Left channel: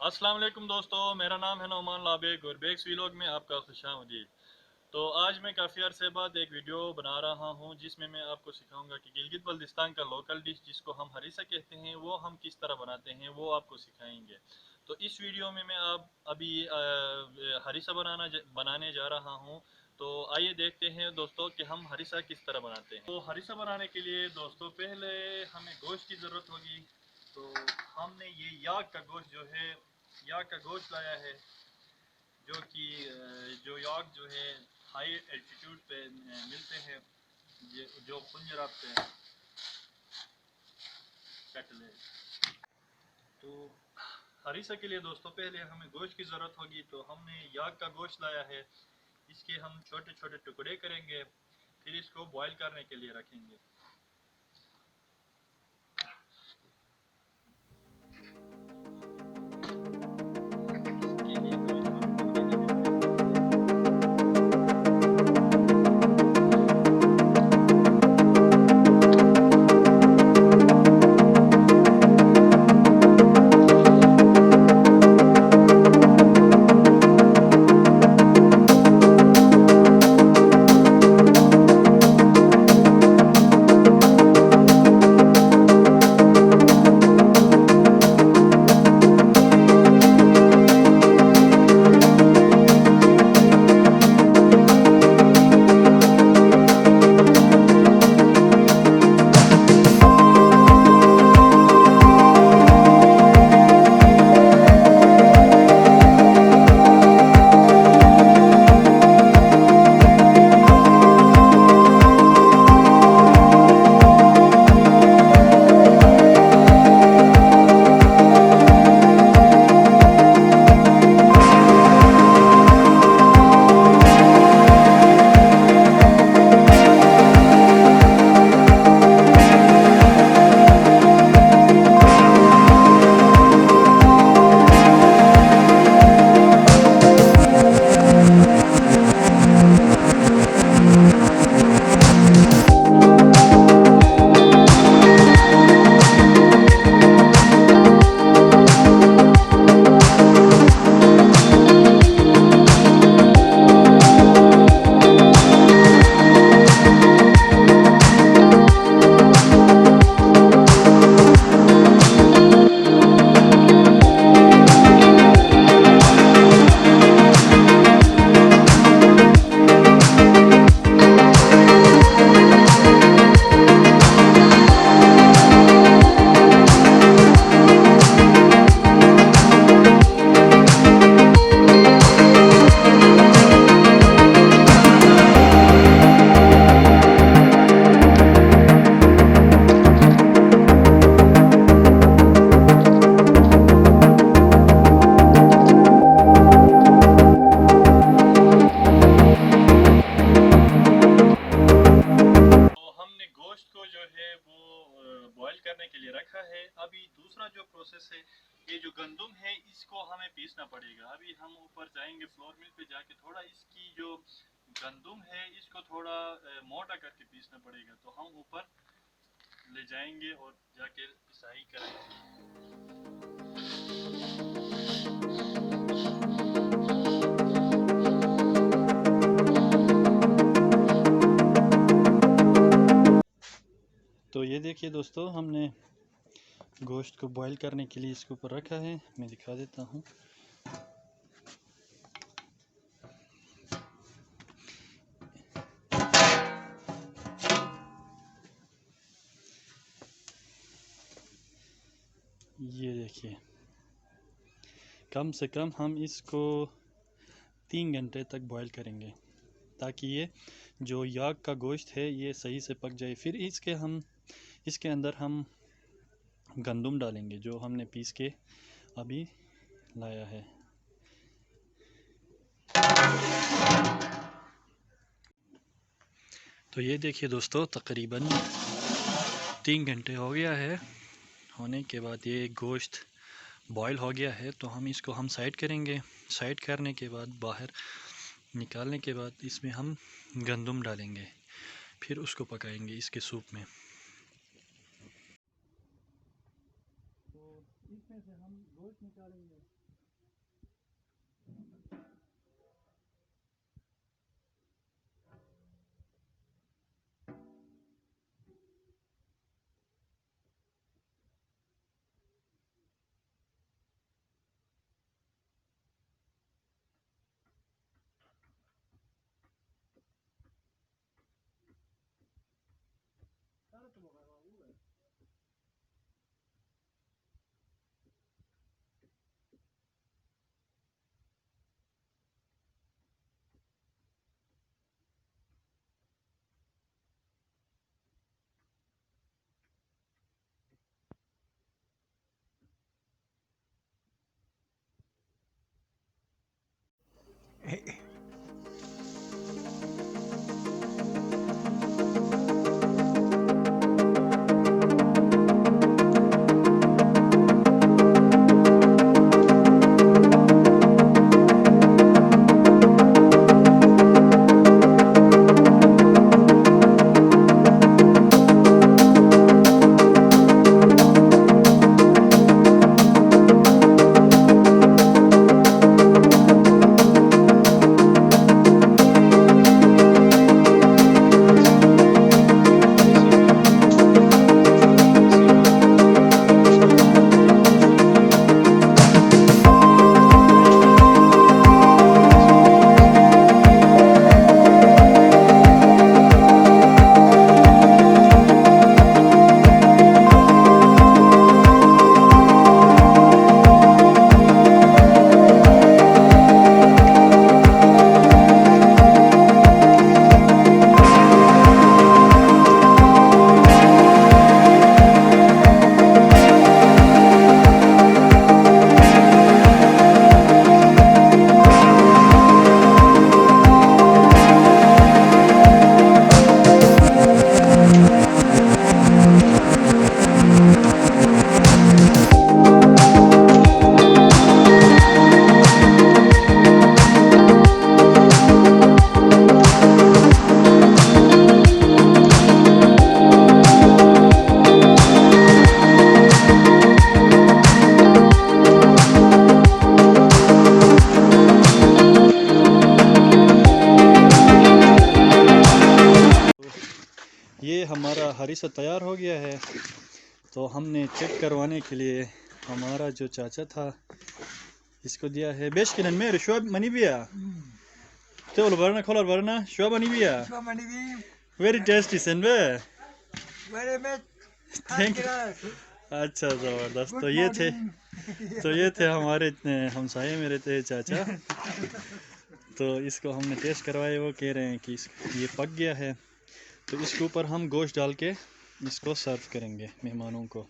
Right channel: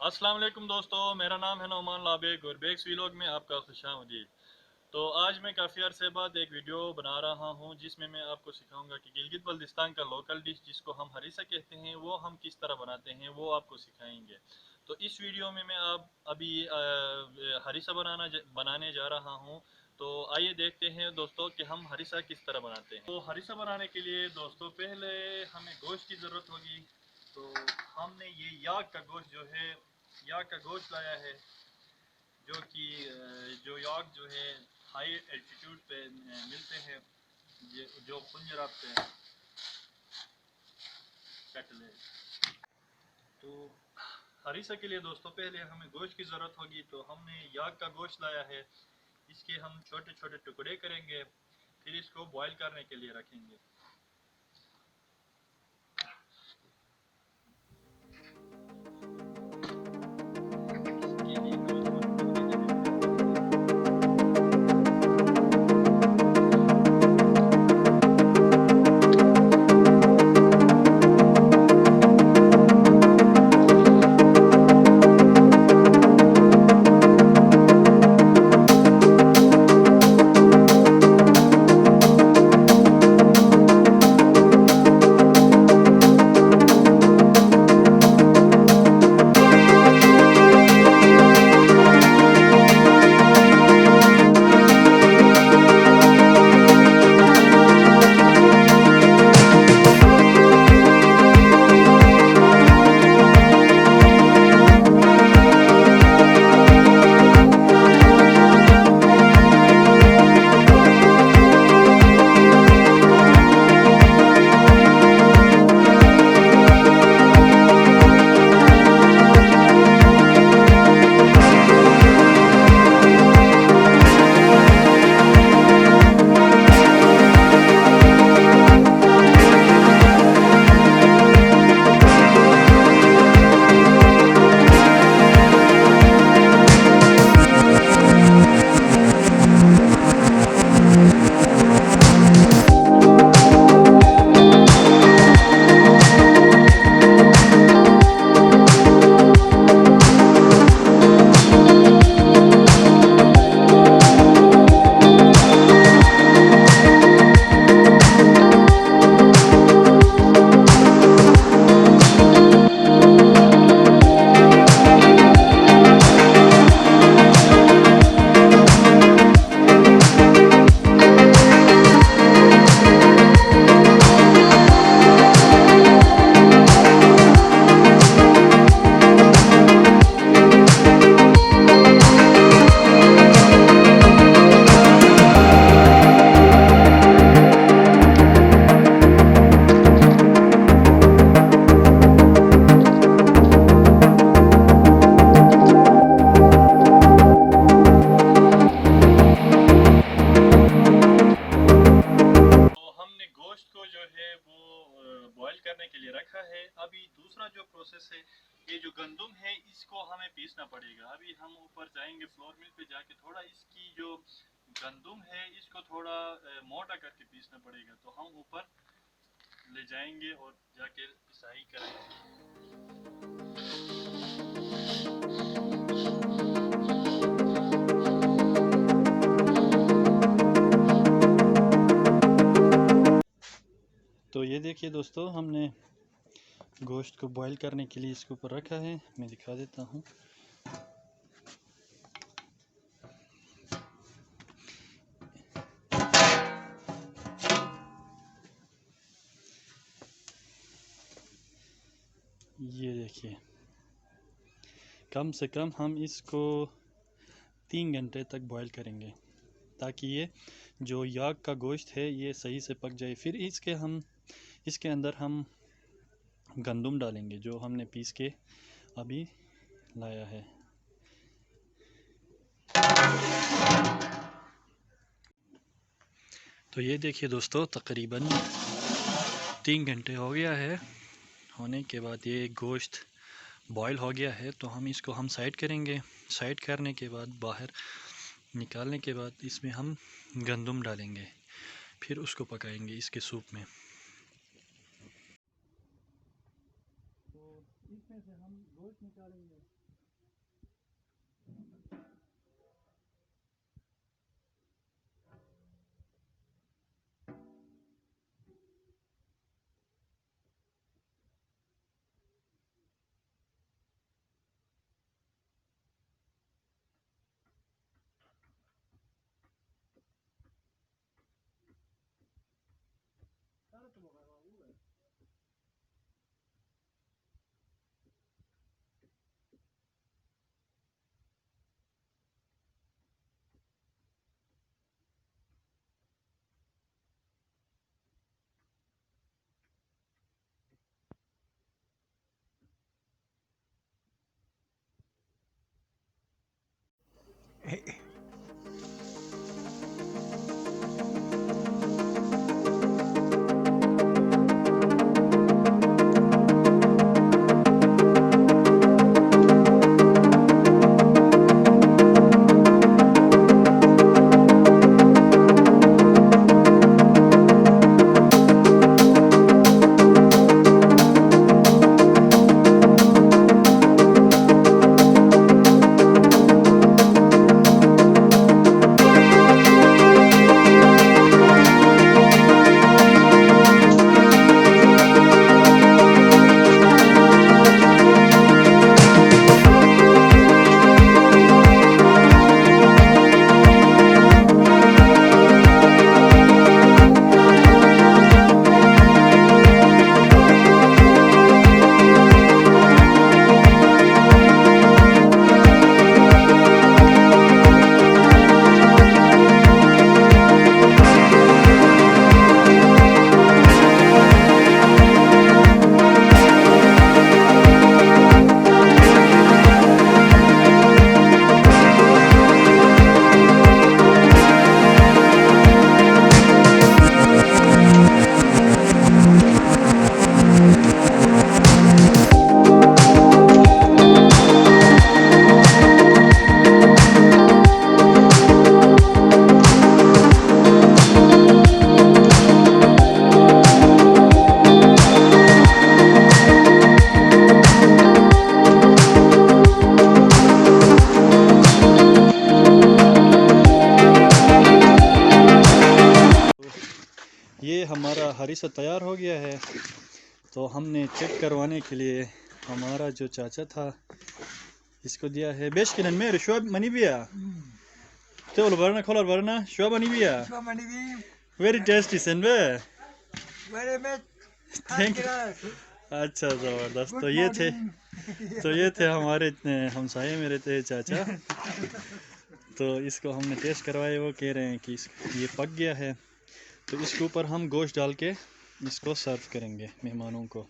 अस्सलाम वालेकुम दोस्तों, मेरा नाम है नौमान लाबेग और बेग्स vlog में आपका खुशामदीद। तो आज मैं काफ़ी अरसे बाद एक वीडियो बना रहा हूं जिसमें मैं आपको सिखाऊंगा कि गिलगित बल्तिस्तान का लोकल डिश जिसको हम हरीसा कहते हैं वो हम किस तरह बनाते हैं, वो आपको सिखाएंगे। तो इस वीडियो में मैं अभी हरीसा बनाने जा रहा हूं। तो आइए देखते हैं दोस्तों कि हम हरीसा किस तरह बनाते हैं। तो हरीसा बनाने के लिए दोस्तों पहले हमें गोश्त की ज़रूरत होगी। तो हमने ये याक का गोश्त जो है, याक का गोश्त लाया है, जो कि जो याक जो है हाई एल्टीट्यूड पे मिलते हैं, जो पंजराब पे कैटल है। तो हरीसा के लिए दोस्तों पहले हमें गोश्त की ज़रूरत होगी। तो हमने याक का गोश्त लाया है, इसके हम छोटे छोटे टुकड़े करेंगे, फिर इसको बॉईल करने के लिए रखेंगे। इसके लिए हमें थोड़ा पानी देने पड़ेंगे। गोश्त को जो है वो बॉईल करने के लिए रखा है। अभी दूसरा जो प्रोसेस है, ये जो गंदम है इसको हमें पीसना पड़ेगा। अभी हम ऊपर जाएंगे फ्लोर मिल पे, जाके थोड़ा इसकी जो गंदम है इसको थोड़ा मोटा करके पीसना पड़ेगा। तो हम ऊपर ले जाएंगे और जाके पिसाई करेंगे। तो ये देखिए दोस्तों, हमने गोश्त को बॉईल करने के लिए इसके ऊपर रखा है। मैं दिखा देता हूँ। ये देखिए, कम से कम हम इसको 3 घंटे तक बॉईल करेंगे ताकि ये जो याक का गोश्त है ये सही से पक जाए। फिर इसके अंदर हम गंदम डालेंगे जो हमने पीस के अभी लाया है। तो ये देखिए दोस्तों, तकरीबन 3 घंटे हो गया है। होने के बाद ये गोश्त बॉईल हो गया है। तो हम इसको साइड करेंगे। साइड करने के बाद बाहर निकालने के बाद इसमें हम गंदम डालेंगे, फिर उसको पकाएंगे इसके सूप में। तो इसमें से हम गोश्त निकालेंगे। ये हमारा हरीसा तैयार हो गया है, तो हमने चेक करवाने के लिए हमारा जो चाचा था इसको दिया है। बेश किन में शुभ मनी बिया तो वरना खोलर वरना शुभ मनी बिया वेरी टेस्टी सेंबे थैंक यू। अच्छा ज़बरदस्त। तो ये थे हमारे इतने हमसाये में रहते हैं चाचा। तो इसको हमने टेस्ट करवाए, वो कह रहे हैं कि ये पक गया है। तो इसके ऊपर हम गोश्त डाल के इसको सर्व करेंगे मेहमानों को।